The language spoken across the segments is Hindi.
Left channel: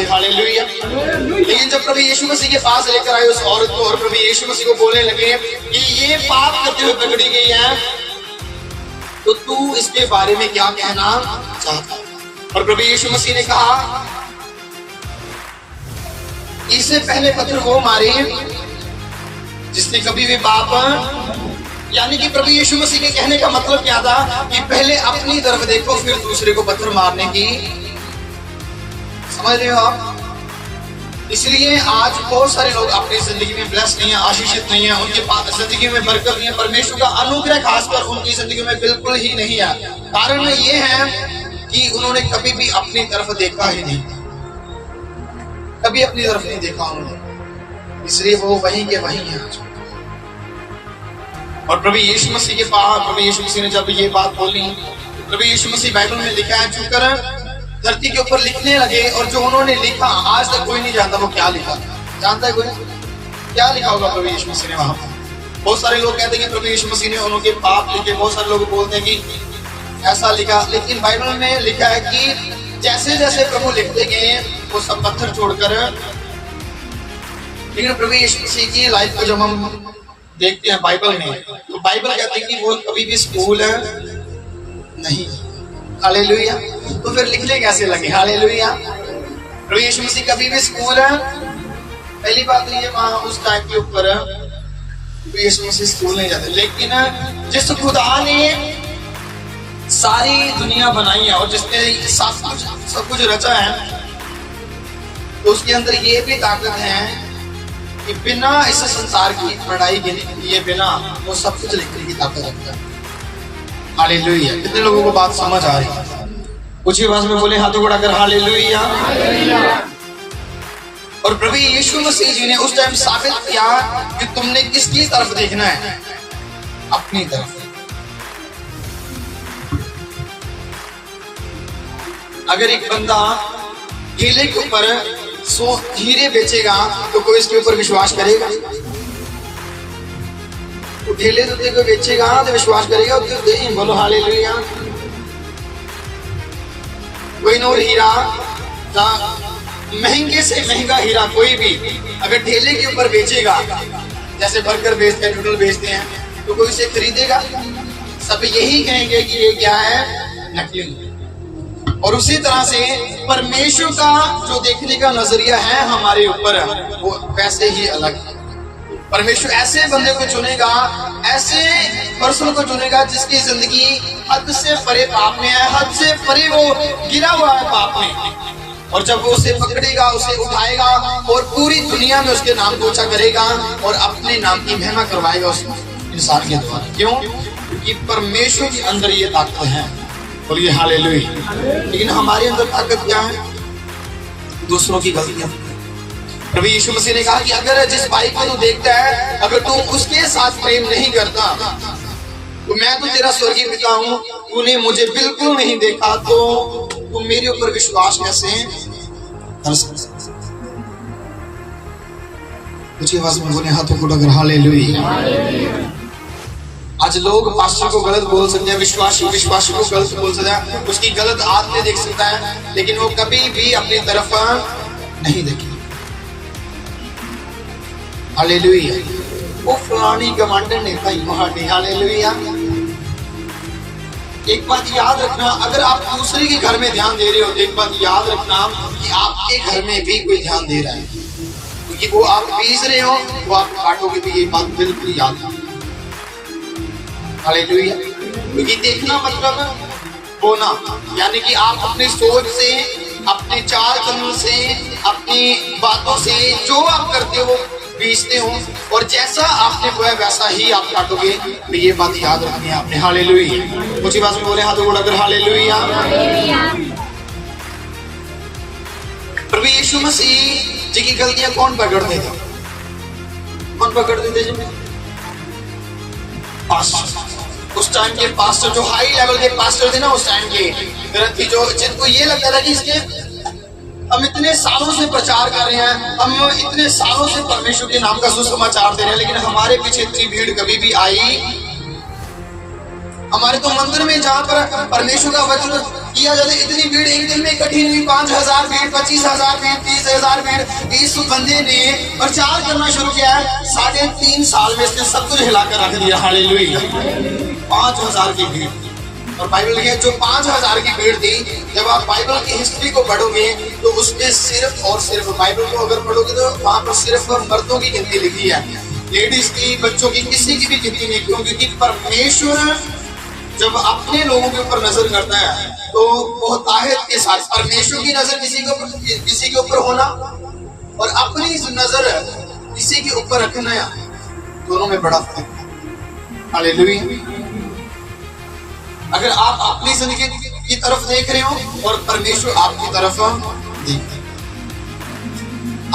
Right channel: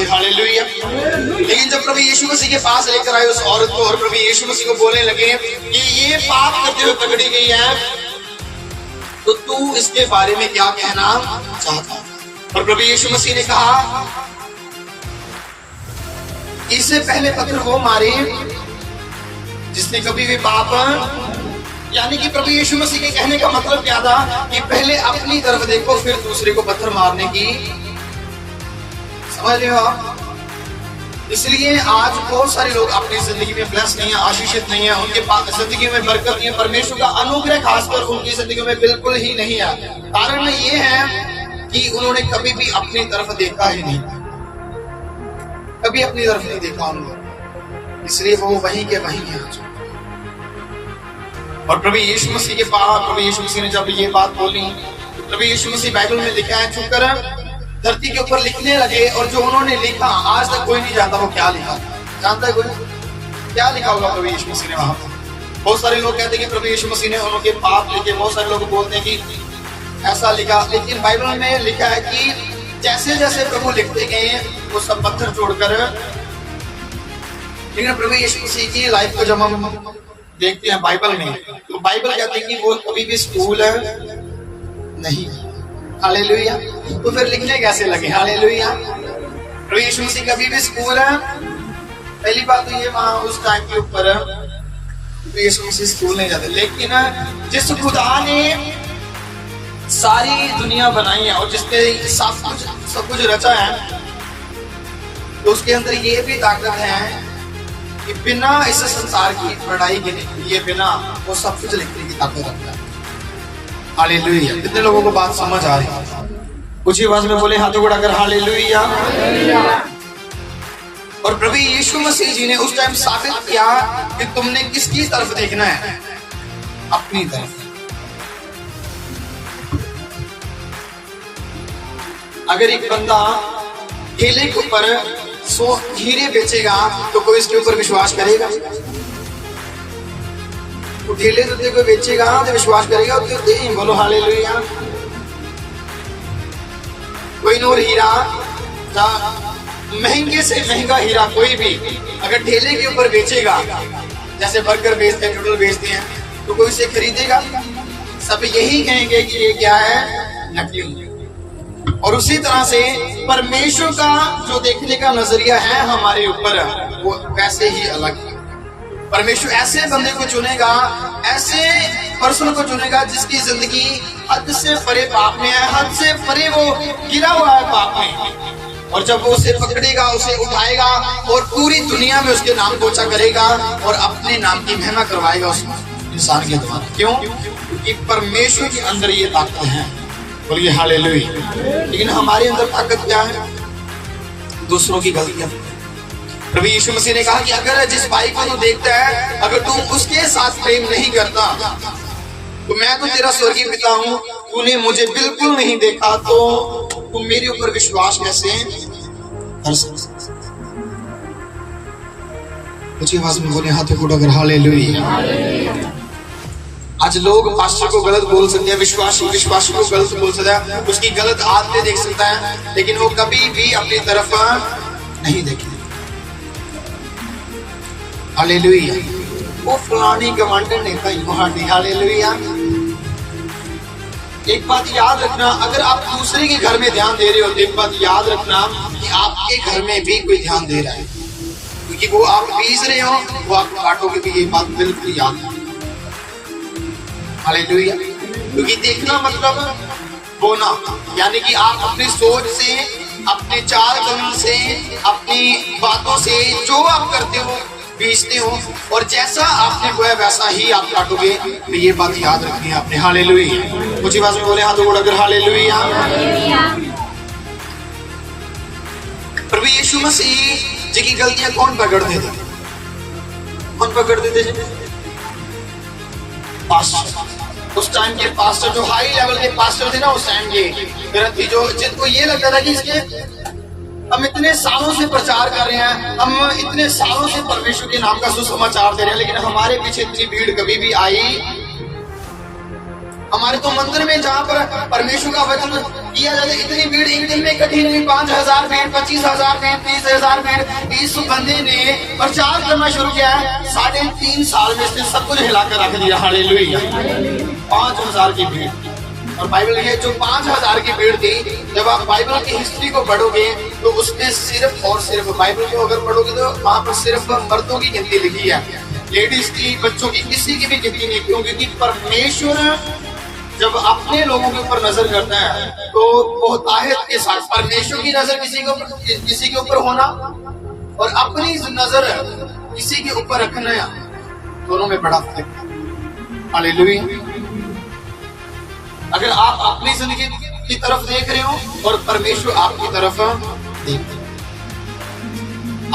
थे, हालेलुया। लेकिन जब प्रभु यीशु मसीह के पास लेकर आए उस औरत को और प्रभु यीशु मसीह को बोलने लगे कि ये पाप करते हुए पकड़ी गई है, तो तू इसके बारे में क्या कहना चाहता है? और प्रभु यीशु मसीह ने कहा, इससे पहले पत्थर वो मारे जिसने कभी भी पाप, यानी कि प्रभु यीशु मसीह के कहने का मतलब क्या था कि पहले अपनी तरफ देखो फिर दूसरे को पत्थर मारने की, समझ रहे हो आप? इसलिए आज बहुत सारे लोग अपनी जिंदगी में ब्लेस्ड नहीं है, आशीषित नहीं है, उनके पास जिंदगी में बरकत नहीं है, परमेश्वर का अनुग्रह खासकर उनकी जिंदगी में बिल्कुल ही नहीं है। कारण ये है कि उन्होंने कभी भी अपनी तरफ देखा ही नहीं, कभी अपनी तरफ नहीं देखा उन्होंने, इसलिए वो वहीं के वहीं है। और प्रभु यीशु मसीह के पास प्रभु यीशु मसीह ने जब ये बात बोली, तो प्रभु यीशु मसीह बाइबल में लिखा है, चुकर धरती के ऊपर लिखने लगे, और जो उन्होंने लिखा आज तक कोई नहीं जानता वो क्या लिखा। जानता है कोई क्या लिखा होगा प्रभु यीशु मसीह ने वहां पर? बहुत सारे लोग कहते हैं कि प्रभु यीशु मसीह ने उनके पाप लिखे, बहुत सारे लोग बोलते हैं कि ऐसा लिखा, लेकिन बाइबल में लिखा है कि जैसे जैसे प्रभु लिखते गए वो सब पत्थर छोड़कर, लेकिन प्रभु यीशु मसीह की लाइफ को जब हम देखते हैं बाइबल में, तो बाइबल कहती है कि वो कभी भी स्कूल नहीं, हालेलुया। तो फिर लिखने कैसे लगे, हालेलुया? प्रभु यीशु मसीह कभी भी स्कूल, पहली बात तो ये वहां उस टाइम के ऊपर यीशु मसीह स्कूल नहीं जाते, लेकिन जिस खुदा ने सारी दुनिया बनाई है और जिसने सब कुछ रचा है, तो उसके अंदर ये भी ताकत है कि बिना इस संसार की लड़ाई के लिए बिना वो सब कुछ लिखने की ताकत रखता है, हालेलुया। कितने लोगों को बात समझ आ रही है? कुछ ही आवाज में बोले हाथों को उठाकर हालेलुया। और प्रभु यीशु मसीह जी ने उस टाइम साबित किया कि तुमने किसकी तरफ देखना है, अपनी तरफ। अगर एक बंदा केले के ऊपर 100 हीरे बेचेगा तो कोई इसके ऊपर विश्वास करेगा? तो केले तो देखो बेचेगा तो विश्वास करेगा, तो बोलो हालेलुया। कोई नूर हीरा, महंगे से महंगा हीरा कोई भी अगर ठेले के ऊपर बेचेगा, जैसे बर्गर बेचते हैं, नूडल बेचते हैं, तो कोई इसे खरीदेगा? सब यही कहेंगे कि ये क्या है, नकली। और उसी तरह से परमेश्वर का जो देखने का नजरिया है हमारे ऊपर, वो वैसे ही अलग है। परमेश्वर ऐसे बंदे को चुनेगा, ऐसे पर्सन को चुनेगा जिसकी जिंदगी हद से परे पाप में है, हद से परे वो गिरा हुआ है पाप में, और जब वो उसे पकड़ेगा, उसे उठाएगा और पूरी दुनिया में उसके नाम को ऊंचा करेगा और अपने नाम की महिमा करवाएगा उस इंसान के द्वारा। क्यों? क्योंकि परमेश्वर के अंदर ये ताकत है, बोलिए हालेलुया। लेकिन हमारे अंदर ताकत क्या है? दूसरों की गलतियां। प्रभु यीशु मसीह ने कहा कि अगर जिस भाई को तू देखता है, अगर तू उसके साथ प्रेम नहीं करता, तो मैं तो तेरा स्वर्गीय पिता हूं, तूने मुझे बिल्कुल नहीं देखा, तो तू मेरे ऊपर विश्वास कैसे कर सकता? कुछ आवाज में बोले हाथों को उठाकर हालेलुया। आज लोग पास्टर को गलत बोल सकते हैं, विश्वासी को गलत बोल सकता है, उसकी गलत आदतें देख सकता है, लेकिन वो कभी भी अपनी तरफ नहीं देखे, हालेलुया। वो फलानी गवर्नमेंट नेता ही वहां, हालेलुया। एक बात याद रखना, अगर आप दूसरे के घर में ध्यान दे रहे हो, तो एक बात याद रखना कि आपके घर में भी कोई ध्यान दे रहा है, क्योंकि वो आप बीज रहे हो, वो आप काटोगे भी, ये बात बिल्कुल याद रखना, हालेलुया। क्योंकि देखना मतलब बोना, यानी कि आप अपनी सोच से, अपने चाल चलन से, अपनी बातों से जो आप करते हो बीजते हो, और जैसा आपने बोया वैसा ही आप काटोगे। तो ये बात याद रखनी है आपने, हालेलुया। कुछ बात में बोले हाथों को उठाकर हालेलुया। प्रभु यीशु मसीह जी की गलतियां कौन पकड़ते थे? कौन पकड़ते थे? पास्टर। उस टाइम के पास्टर, जो हाई लेवल के पास्टर थे ना उस टाइम के, जो जिनको ये लगता था कि इसके हम इतने सालों से प्रचार कर रहे हैं, हम इतने सालों से परमेश्वर के नाम का सुसमाचार दे रहे हैं, लेकिन हमारे पीछे इतनी भीड़ कभी भी आई हमारे तो मंदिर में जहाँ पर परमेश्वर का वचन किया जाता है, इतनी भीड़ एक दिन में इकट्ठी नहीं, 5,000 भीड़, 25,000 भीड़, 30,000 भीड़। इस बंदे ने प्रचार करना शुरू किया है, 3.5 साल में इसने सब कुछ हिला कर रख दिया। हालेलुया। 5,000 की भीड़। और बाइबल है जो 5,000 की भीड़ थी, जब आप बाइबल की हिस्ट्री को पढ़ोगे तो उसमें सिर्फ और सिर्फ बाइबल को अगर पढ़ोगे तो वहां पर सिर्फ मर्दों की गिनती लिखी है, लेडीज की, बच्चों की, किसी की भी गिनती नहीं। क्यों? क्योंकि परमेश्वर जब अपने लोगों के ऊपर नजर करता है तो वो ताहत के साथ, परमेश्वर की नजर किसी के ऊपर होना और अपनी नजर किसी के ऊपर रखना, दोनों में बड़ा फर्क है। हालेलुया। अगर आप अपनी जिंदगी की तरफ देख रहे हो और परमेश्वर आपकी तरफ देख रहे हो,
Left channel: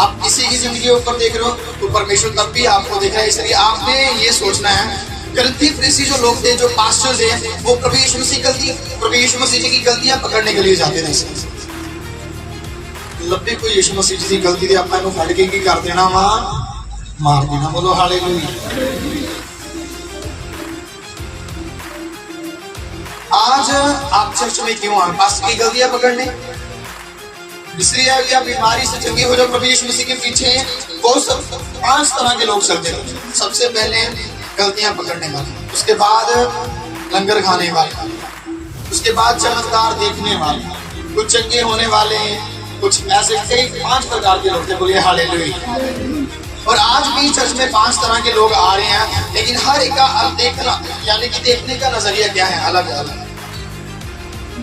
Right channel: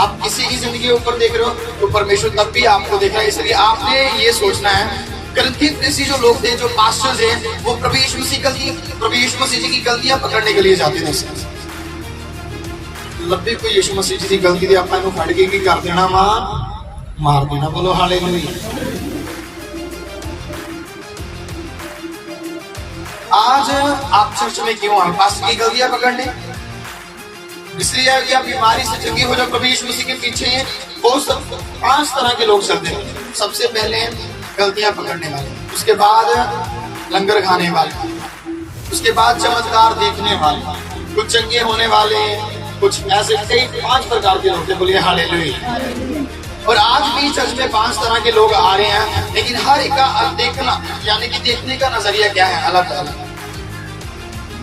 आप किसी की जिंदगी के ऊपर देख रहे हो तो परमेश्वर तब भी आपको देख रहा है। इसलिए आपने ये सोचना है, गलती जो लोग थे, जो पास्टर्स हैं, वो प्रभु यीशु मसीह जी की गलतियां पकड़ने के लिए जाते थे। लब्बे कोई यीशु मसीह जी की गलती थी, आपको फड़ के की कर देना, मार देना। बोलो हालेलुया। आज आप चर्च में क्यों आए? पास्टर की गलतियां पकड़ने? इसलिए है कि आप बीमारी से चंगे हो जाओ। प्रभु यीशु मसीह के पीछे बहुत 5 तरह के लोग चलते हैं। सबसे पहले गलतियां पकड़ने वाले, उसके बाद लंगर खाने वाले, उसके बाद चमत्कार देखने वाले, कुछ चंगे होने वाले, कुछ ऐसे कई 5 प्रकार के लोग थे। बोलिए हालेलुया। और आज भी चर्च में 5 तरह के लोग आ रहे हैं, लेकिन हर एक का देखना यानी कि देखने का नजरिया क्या है? अलग अलग।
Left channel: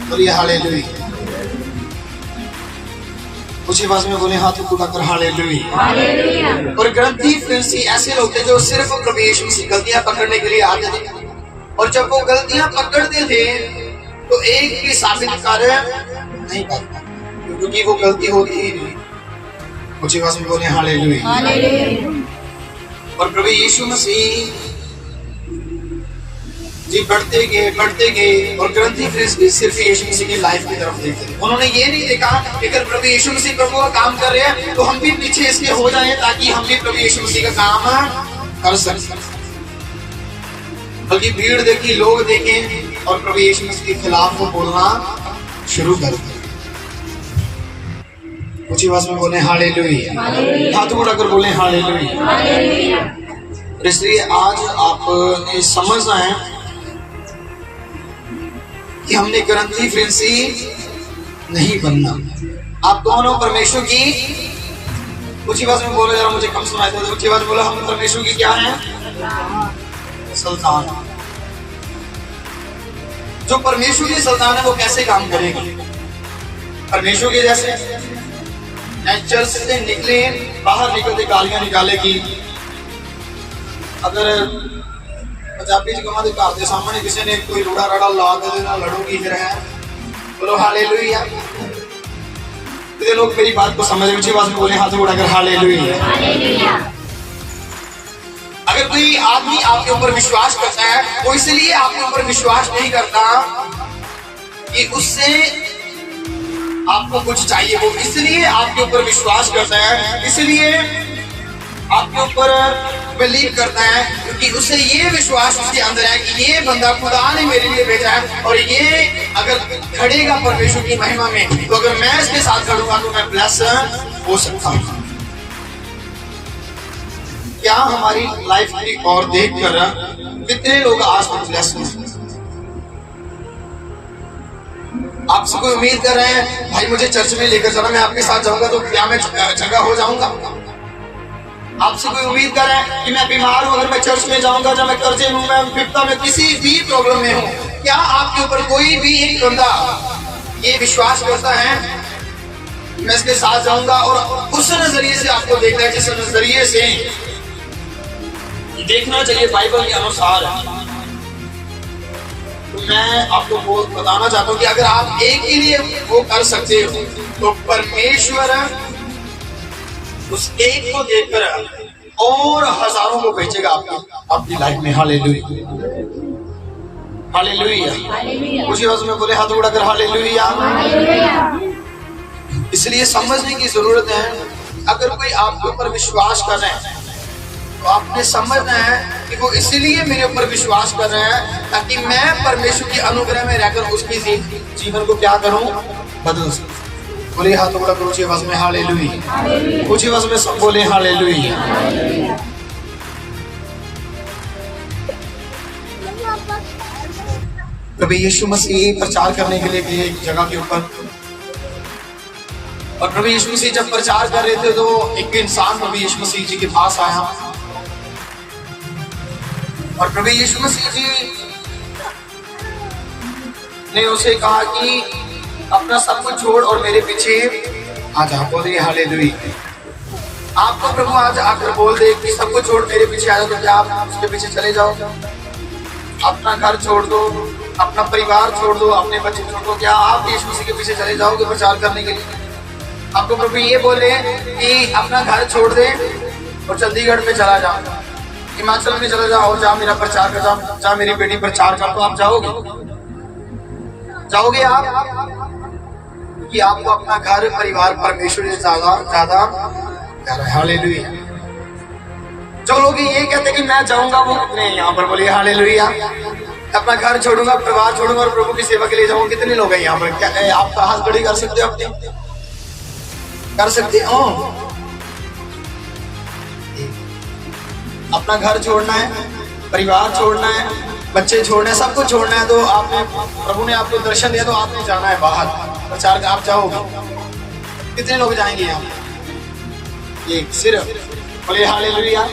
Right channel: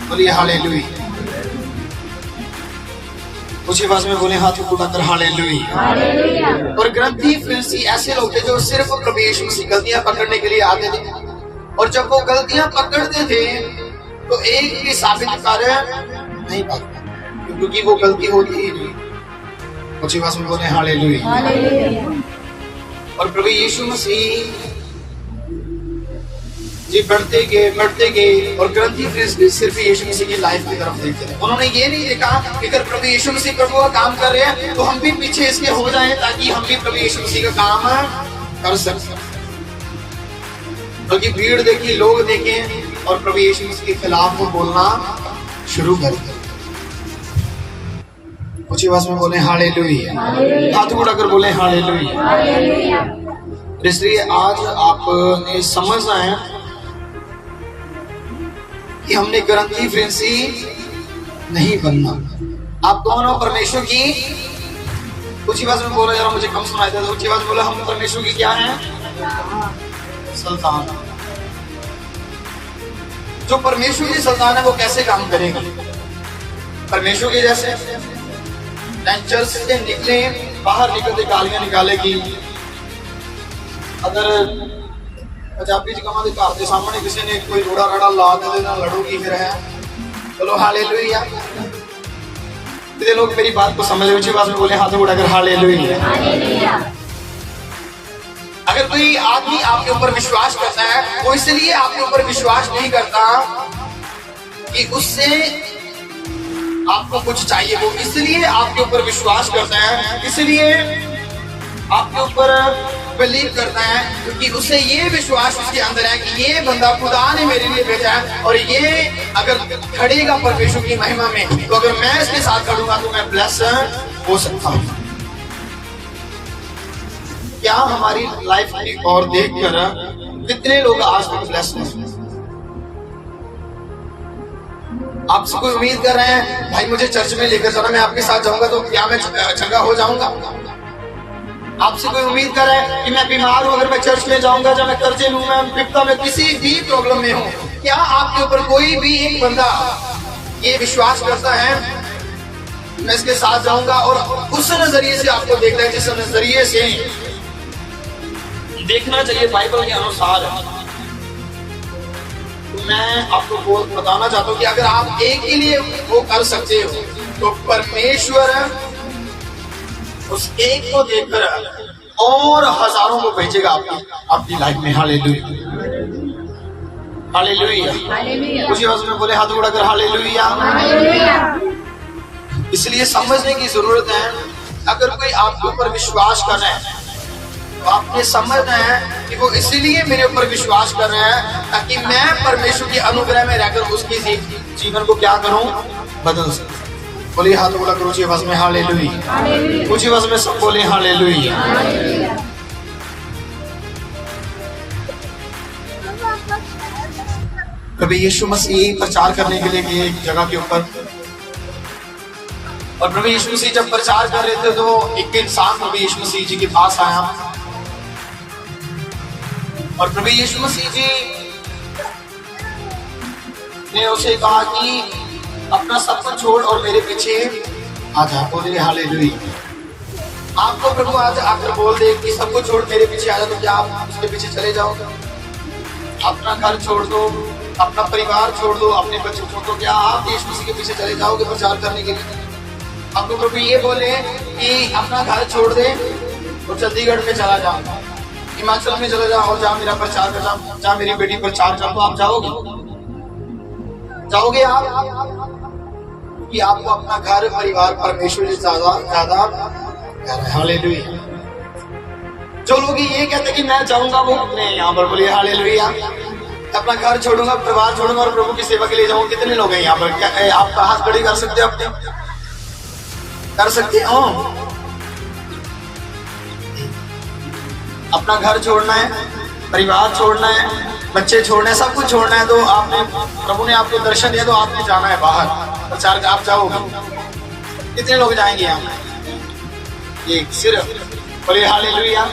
बोलिए हालेलुया। उसी आवाज में बोले हाथ उठाकर हालेलुया। और ग्रंथी फरीसी ऐसे लोग थे जो सिर्फ प्रभु यीशु मसीह गलतियां पकड़ने के लिए आते थे, और जब वो गलतियां पकड़ते थे तो एक भी साबित कर नहीं पाते, क्योंकि वो गलती होती ही नहीं। उसी आवाज में बोले हालेलुया। और प्रभु यीशु मसीह जी बढ़ते गए और ग्रंथी फरीसी सिर्फ यीशु मसीह की लाइफ की तरफ देखते थे। उन्होंने ये नहीं देखा कि अगर प्रभु यीशु मसीह प्रभु का काम कर रहे हैं तो हम भी पीछे इसके हो जाएं, ताकि हम भी प्रभु यीशु मसीह का काम कर सकें। बल्कि भीड़ देखी, लोग देखें और प्रभु यीशु मसीह के खिलाफ वो बोलना शुरू कर दिया। कुछ आवाज में बोले हालेलुया। हाथ उठाकर बोले हालेलुया। इसलिए आज आपने समझना है कि हमने ग्रंथी फरीसी नहीं बनना। आप दोनों परमेश्वर की, कुछ आवाज में बोलो, जरा मुझे कम सुनाई देता। कुछ आवाज बोलो, हम परमेश्वर की क्या है? संतान। जो परमेश्वर की संतान है वो कैसे काम करेगी? परमेश्वर के जैसे चर्च से निकले, बाहर निकलते गालियां निकालेगी। अगर पंजाबी जगह घर के सामने किसी ने कोई रोड़ा राड़ा ला दे ना लड़ूगी फिर है। बोलो हालेलुया। लोग मेरी बात को समझ ऊंची आवाज में बोले हाथ उठाकर हालेलुया। अगर कोई आदमी आपके ऊपर विश्वास करता है, वो इसलिए आपके ऊपर विश्वास नहीं करता कि उससे आपको कुछ चाहिए, वो इसलिए आपके ऊपर विश्वास करता है, इसलिए आपके ऊपर बिलीव करता है क्योंकि उसे ये विश्वास उसके अंदर है कि ये बंदा खुदा ने मेरे लिए भेजा है, और ये अगर खड़ेगा परमेश्वर की महिमा में, तो अगर मैं इसके साथ खड़ूंगा तो मैं ब्लेस हो सकता हूं। क्या हमारी लाइफ की ओर देखकर कितने लोग आज तक ब्लेस हुए? आपसे कोई उम्मीद कर रहे हैं भाई मुझे चर्च में लेकर चला, मैं आपके साथ जाऊंगा तो क्या मैं चंगा हो जाऊंगा? आपसे कोई उम्मीद कर रहे हैं कि मैं बीमार हूं, अगर मैं चर्च में जाऊंगा, जब मैं कर्जे में हूं, मैं विपदा में, किसी भी प्रॉब्लम में हूं, क्या आपके ऊपर कोई भी एक बंदा ये विश्वास करता है मैं इसके साथ जाऊंगा और उस नजरिए से आपको देखना है जिस नजरिए से देखना चाहिए बाइबल के अनुसार? तो मैं आपको बताना चाहता हूं कि अगर आप एक ही लिए वो कर सकते हो तो परमेश्वर उस एक को देखकर और हजारों को भेजेगा आपकी लाइफ में। हालेलुया। हालेलुया। उसी आवाज में बोले हाथ उठाकर हालेलुया। इसलिए समझने की जरूरत है, अगर कोई आपके ऊपर विश्वास कर रहा है तो आपने समझना है कि वो इसलिए मेरे ऊपर विश्वास कर रहे हैं ताकि मैं परमेश्वर की अनुग्रह में रहकर उसके जीवन को क्या करूं, बदल सकूं। बोले हाथ बोला ऊंची आवाज में हालेलुया, ऊंची आवाज में सब बोले हालेलुया। कभी यीशु मसीह प्रचार करने के लिए गए एक जगह के ऊपर, और प्रभु यीशु मसीह जब प्रचार कर रहे थे तो एक इंसान प्रभु यीशु मसीह जी के पास आया और प्रभु यीशु मसीह जी ने उसे कहा कि अपना सब कुछ छोड़ और मेरे पीछे आ जा। बोले हालेलुया। आपको प्रभु आज आकर बोल दे कि सब कुछ छोड़ मेरे पीछे आ जा, तो क्या आप उसके पीछे चले जाओगे? अपना घर छोड़ दो, अपना परिवार छोड़ दो, अपने बच्चे छोड़ दो, क्या आप यीशु मसीह के पीछे चले जाओगे प्रचार करने के लिए? आपको प्रभु ये बोले कि अपना घर छोड़ दे और चंडीगढ़ में चला जा, हिमाचल में चला जा और जा मेरा प्रचार कर, जा मेरी बेटी प्रचार कर, तो आप जाओगे? जाओगे आप? क्योंकि आपको अपना घर परिवार परमेश्वर से ज्यादा प्यारा है। हालेलुया। जो लोग ये कहते हैं कि मैं जाऊंगा, वो कितने यहाँ पर? बोलिए हालेलुया। अपना घर छोड़ूंगा, परिवार छोड़ूंगा और प्रभु की सेवा के लिए जाऊंगा, कितने लोग हैं यहाँ पर? क्या आप हाथ खड़ी कर सकते हो? अपने कर सकते हो? अपना घर छोड़ना है, परिवार छोड़ना है, बच्चे छोड़ना है, सब कुछ छोड़ना है, तो आपने प्रभु ने आपको दर्शन दिया तो आपने जाना है बाहर प्रचार का। आप जाओगे? कितने लोग जाएंगे यहाँ? एक सिर्फ। बोलिए हालेलुया।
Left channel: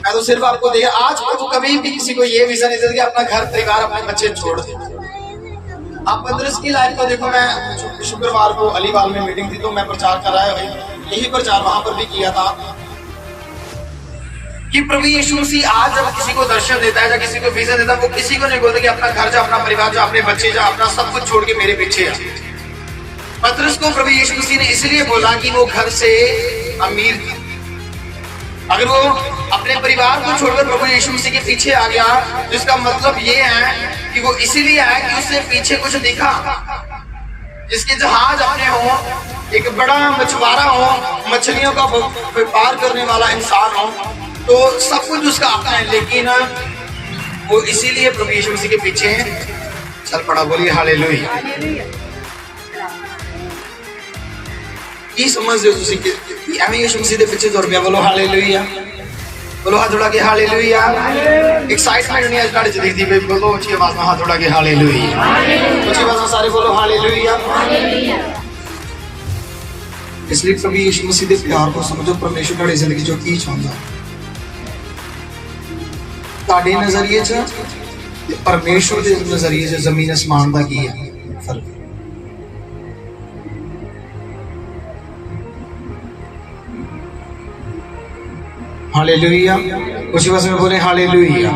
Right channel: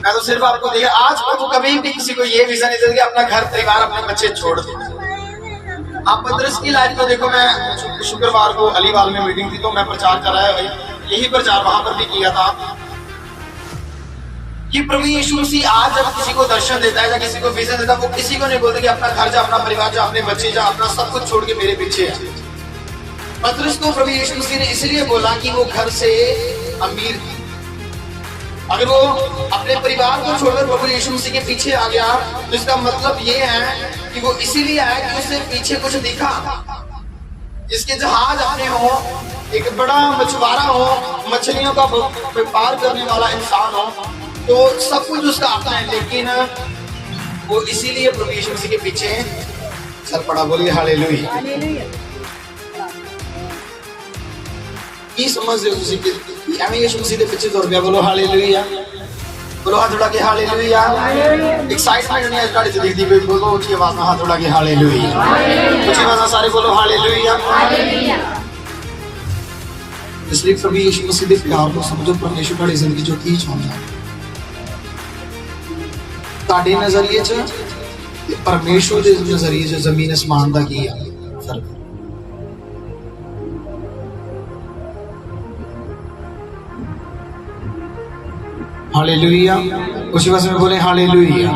मैं तो सिर्फ आपको दिया। आज प्रभु कभी भी किसी को ये विजन नहीं देता कि अपना घर परिवार अपने बच्चे छोड़ दे। आप पतरस की लाइफ को देखो। मैं शुक्रवार को अलीवाल में मीटिंग थी तो मैं प्रचार कर रहा है, यही प्रचार वहां पर भी किया था कि प्रभु यीशु मसीह आज जब किसी को दर्शन देता है या किसी को विजन देता है, वो किसी को नहीं बोलता कि अपना घर जा, अपना परिवार जा, अपने बच्चे जा, अपना सब कुछ छोड़ के मेरे पीछे आ। पतरस को प्रभु यीशु मसीह ने इसलिए बोला कि वो घर से अमीर थी। अगर वो अपने परिवार को छोड़कर प्रभु यीशु मसीह के पीछे आ गया तो इसका मतलब ये है कि वो इसीलिए आया कि उसे पीछे कुछ दिखा, जिसके जहाज अपने हो, एक बड़ा मछुआरा हो, मछलियों का व्यापार करने वाला इंसान हो, तो सब कुछ उसका अपना है, लेकिन वो इसीलिए प्रभु यीशु मसीह के पीछे चल पड़ा। बोलिए हालेलुया। की समझ रहे हो कि हमें यीशु मसीह के पीछे दौड़ गया? बोलो हालेलुया। बोलो हाथ उठा के हालेलुया। एक्साइटमेंट नहीं आज गाड़ी चली थी, बोलो ऊंची आवाज में हाथ उठा के हालेलुया। ऊंची आवाज में सारे बोलो हालेलुया। इसलिए प्रभु यीशु मसीह के प्यार को समझो। परमेश्वर ਤੁਹਾਡੀ ਜ਼ਿੰਦਗੀ ਚੋਂ ਕੀ ਚਾਹੁੰਦਾ ਤੁਹਾਡੇ ਨਜ਼ਰੀਏ 'ਚ ਤੇ ਪਰਮੇਸ਼ਵਰ ਦੇ ਨਜ਼ਰੀਏ 'ਚ ਜ਼ਮੀਨ ਅਸਮਾਨ ਦਾ ਕੀ ਹੈ ਫਰਕ? हालेलुया। उसी वजह में बोले हालेलुया।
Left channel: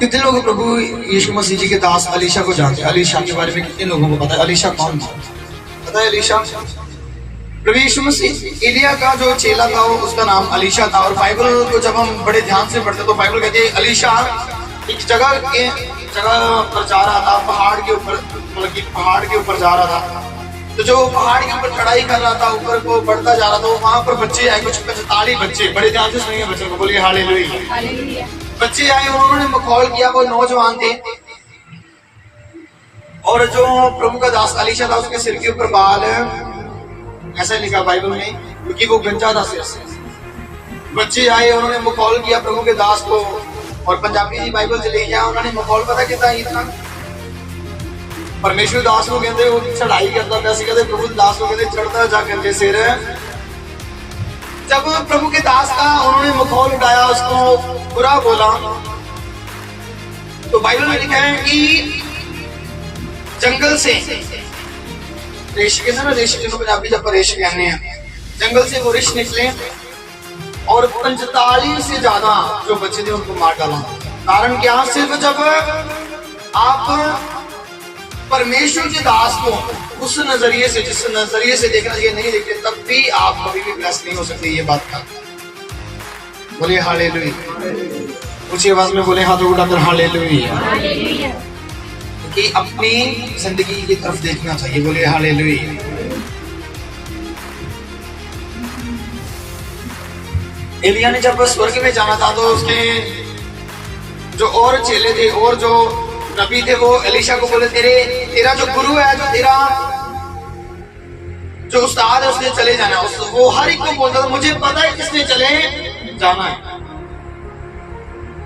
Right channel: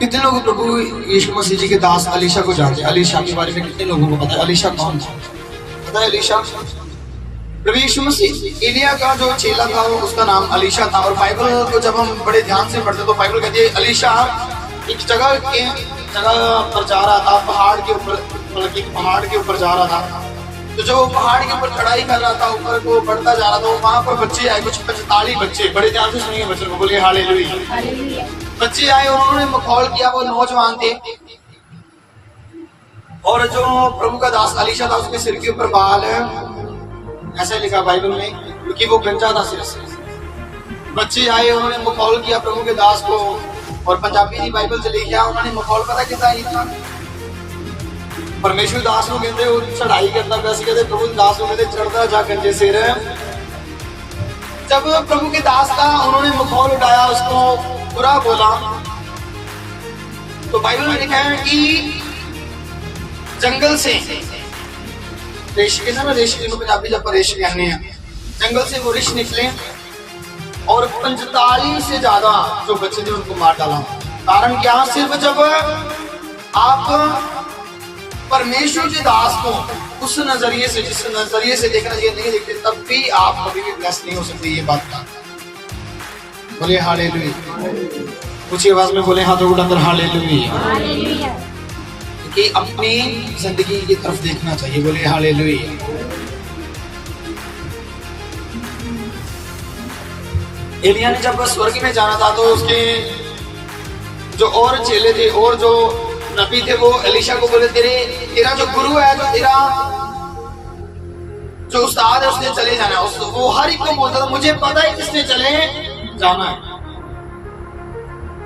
कितने लोग प्रभु यीशु मसीह जी के दास अलीशा को जानते हैं? अलीशा के बारे में कितने लोगों को पता है? अलीशा कौन था? पता है अलीशा? प्रभु यीशु मसीह एलिया का जो चेला था उसका नाम अलीशा था। और बाइबल को जब हम बड़े ध्यान से पढ़ते तो बाइबल कहती है अलीशा एक जगह पर जा रहा था, पहाड़ के ऊपर, मतलब कि पहाड़ के ऊपर जा रहा था। तो जो पहाड़ के ऊपर चढ़ाई कर रहा था, ऊपर को बढ़ता जा रहा था, वहां पर बच्चे आए, कुछ 45 बच्चे, बड़े ध्यान से सुनिए बच्चों को, बोलिए हालेलुया। बच्चे आए, उन्होंने मखौल किया, वो नौजवान थे और जो प्रभु का दास अलीशा था उसके सिर के ऊपर बाल, ऐसा लिखा बाइबल में, क्योंकि वो गंजा था सिर से। बच्चे आए, उन्होंने मखौल किया प्रभु के दास को। और पंजाबी की बाइबल से ले गया, उन्होंने मखौल पता कितना ही था? परमेश्वर दास को कहते वो चढ़ाई करता था, कहते प्रभु दास को कहते चढ़ता जा गंजे सिर। जब प्रभु के दास का उन्होंने मखौल उठाया, उसको बुरा बोला, तो बाइबल में लिखा है कि जंगल से ऋषि के ना, ऋषि जिनको पंजाबी जब ऋषि कहने हैं, जंगल से वो ऋषि निकले और 45 से ज्यादा जो बच्चे थे उनको मार डाला। कारण क्या? सिर्फ जब आप परमेश्वर के दास को उस नजरिए से, जिस नजरिए से देखना चाहिए नहीं देखते, तब भी आप कभी भी ब्लेस नहीं हो सकते। ये बात का बोले हालेलुया। ऊंची आवाज में बोले हाथों उठाकर हालेलुया। कि अपनी जिंदगी की तरफ देखना चाहिए। बोले हालेलुया। एलिया ने जब स्वर्ग में जाना था तो उसके जो और चेले थे और जो नबी थे वो एलिशा को बोले तेरा जो गुरु है, जो तेरा जो उस्ताद है उसने चले जाना है। वो हर एक को बोलता था मुझे पता है किसने चले जाना है,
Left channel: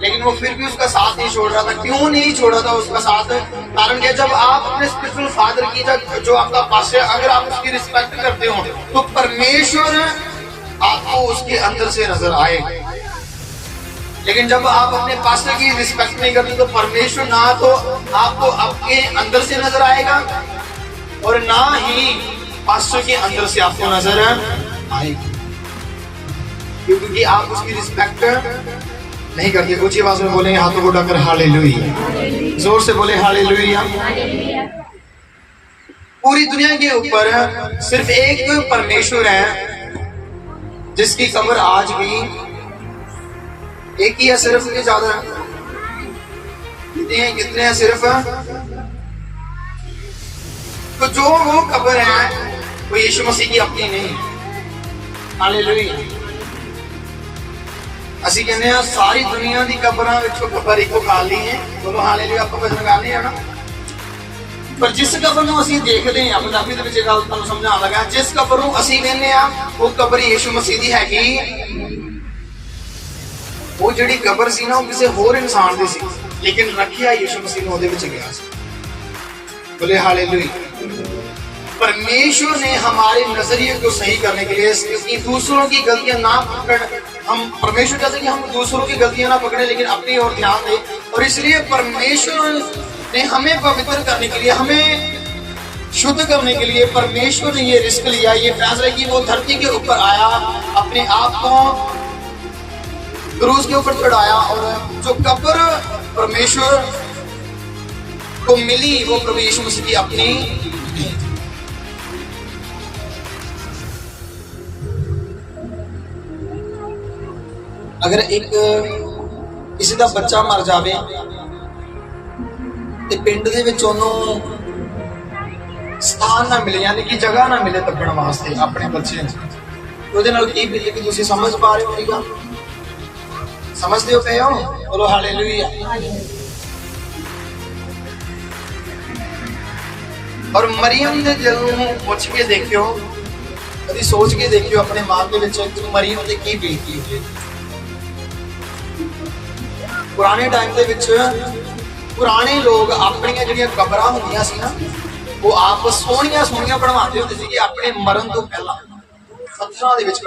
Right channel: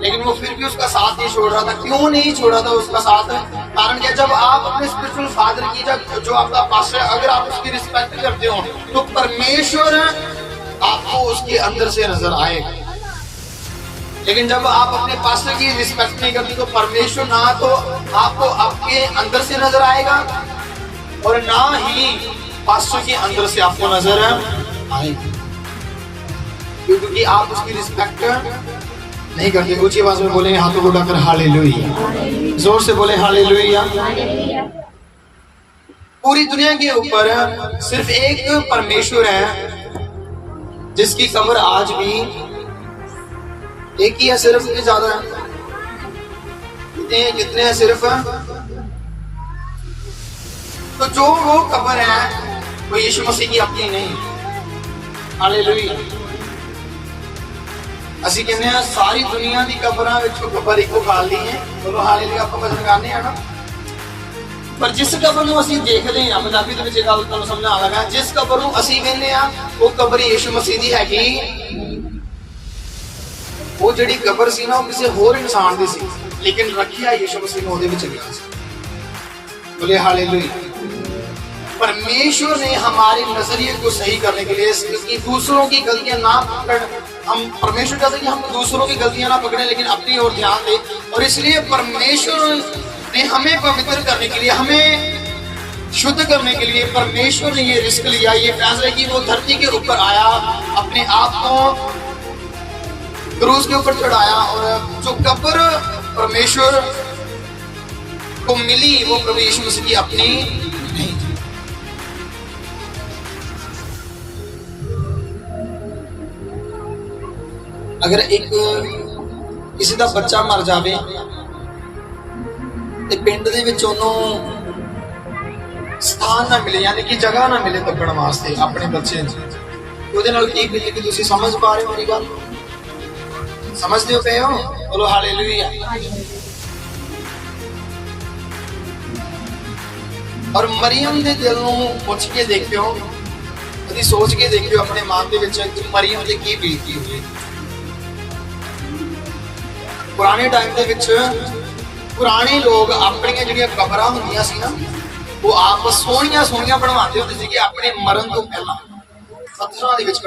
लेकिन वो फिर भी उसका साथ नहीं छोड़ रहा था। क्यों नहीं छोड़ रहा था उसका साथ? कारण क्या, जब आप अपने स्पिरिचुअल फादर की जो आपका पास्टर है, अगर आप उसकी रिस्पेक्ट करते हो तो परमेश्वर आपको उसके अंदर से नजर आए। लेकिन जब आप अपने पास्टर की रिस्पेक्ट नहीं करते तो परमेश्वर ना तो आपको आपके अंदर से नजर आएगा और ना ही पास्टर के अंदर से आपको नजर आएगी, क्योंकि आप उसकी रिस्पेक्ट नहीं करते। ऊंची आवाज में बोलेंगे, हाथों को उठाकर हालेलुया, जोर से बोले हालेलुया। पूरी दुनिया के ऊपर सिर्फ एक परमेश्वर है जिसकी कब्र आज भी एक ही है, सिर्फ के ज्यादा कितने हैं सिर्फ। तो जो वो कब्र है वो यीशु मसीह की अपनी नहीं। हालेलुया। ਅਸੀਂ ਕਹਿੰਦੇ ਆ ਸਾਰੀ ਦੁਨੀਆ ਦੀ ਕਬਰਾਂ ਵਿੱਚੋਂ ਕਬਰ ਇੱਕੋ ਖਾਲੀ ਹੈ। ਬੋਲੋ ਹਾਲੇਲੂਇਆ। ਆਪਾਂ ਵਚਨ ਗਾਣੇ ਆ ਨਾ, ਪਰ ਜਿਸ ਕਬਰ ਨੂੰ ਅਸੀਂ ਦੇਖਦੇ ਆ, ਪੰਜਾਬੀ ਦੇ ਵਿੱਚ ਇਹ ਗੱਲ ਤੁਹਾਨੂੰ ਸਮਝਾਉਣ ਲੱਗਾ, ਜਿਸ ਕਬਰ ਨੂੰ ਅਸੀਂ ਕਹਿੰਦੇ ਆ ਉਹ ਕਬਰ ਯੀਸ਼ੂ ਮਸੀਹ ਦੀ ਹੈਗੀ। ਉਹ ਜਿਹੜੀ ਕਬਰ ਸੀ ਨਾ ਉਹ ਕਿਸੇ ਹੋਰ ਇਨਸਾਨ ਦੀ ਸੀ, ਲੇਕਿਨ ਰੱਖਿਆ ਯੀਸ਼ੂ मसीह ਨੂੰ ਉਹਦੇ ਵਿੱਚ ਗਿਆ ਸੀ। बोले हालेलुया। परमेश्वर ने हमारे नजरिए को सही करने के लिए, क्योंकि दूसरों की गलतियां ना पकड़, हम परमेश्वर कहते हैं कि हम दूसरों की गलतियां ना पकड़े लेकिन अपनी ओर ध्यान दें, और इसलिए परमेश्वर ने हमें पवित्र करने के लिए, हमें शुद्ध करने के लिए परमेश्वर ने ये रिस्क लिया, ये फैसला कि वो धरती के ऊपर आया, अपने आप को क्रूज के ऊपर चढ़ाया, और जो कब्र परमेश्वर को मिली वो प्रभु यीशु मसीह की अपनी नहीं थी। अगर एक किसी का बच्चा मर जाए तो पिंड दे विच उन्होंने स्थान ना मिले, यानी कि जगह ना मिले दबण वास्ते अपने बच्चे की बिल्ली की तुम समझ पा रहे हो मेरी गल? समझते हो पे हो? बोलो हालेलुया। और मरियम के दिल नूं पुछ के देखियो, कभी सोच के देखियो अपने मन दे विच कि मरियम की की बीती होगी। पुराने टाइम दे विच पुराने लोग अपनी जिहड़ियां कबरां हुंदियां सी ना, वो आप सोहणियां सोहणियां बनवाते होंदे सी कि अपने मरण तो पहला पत्थरां दे विच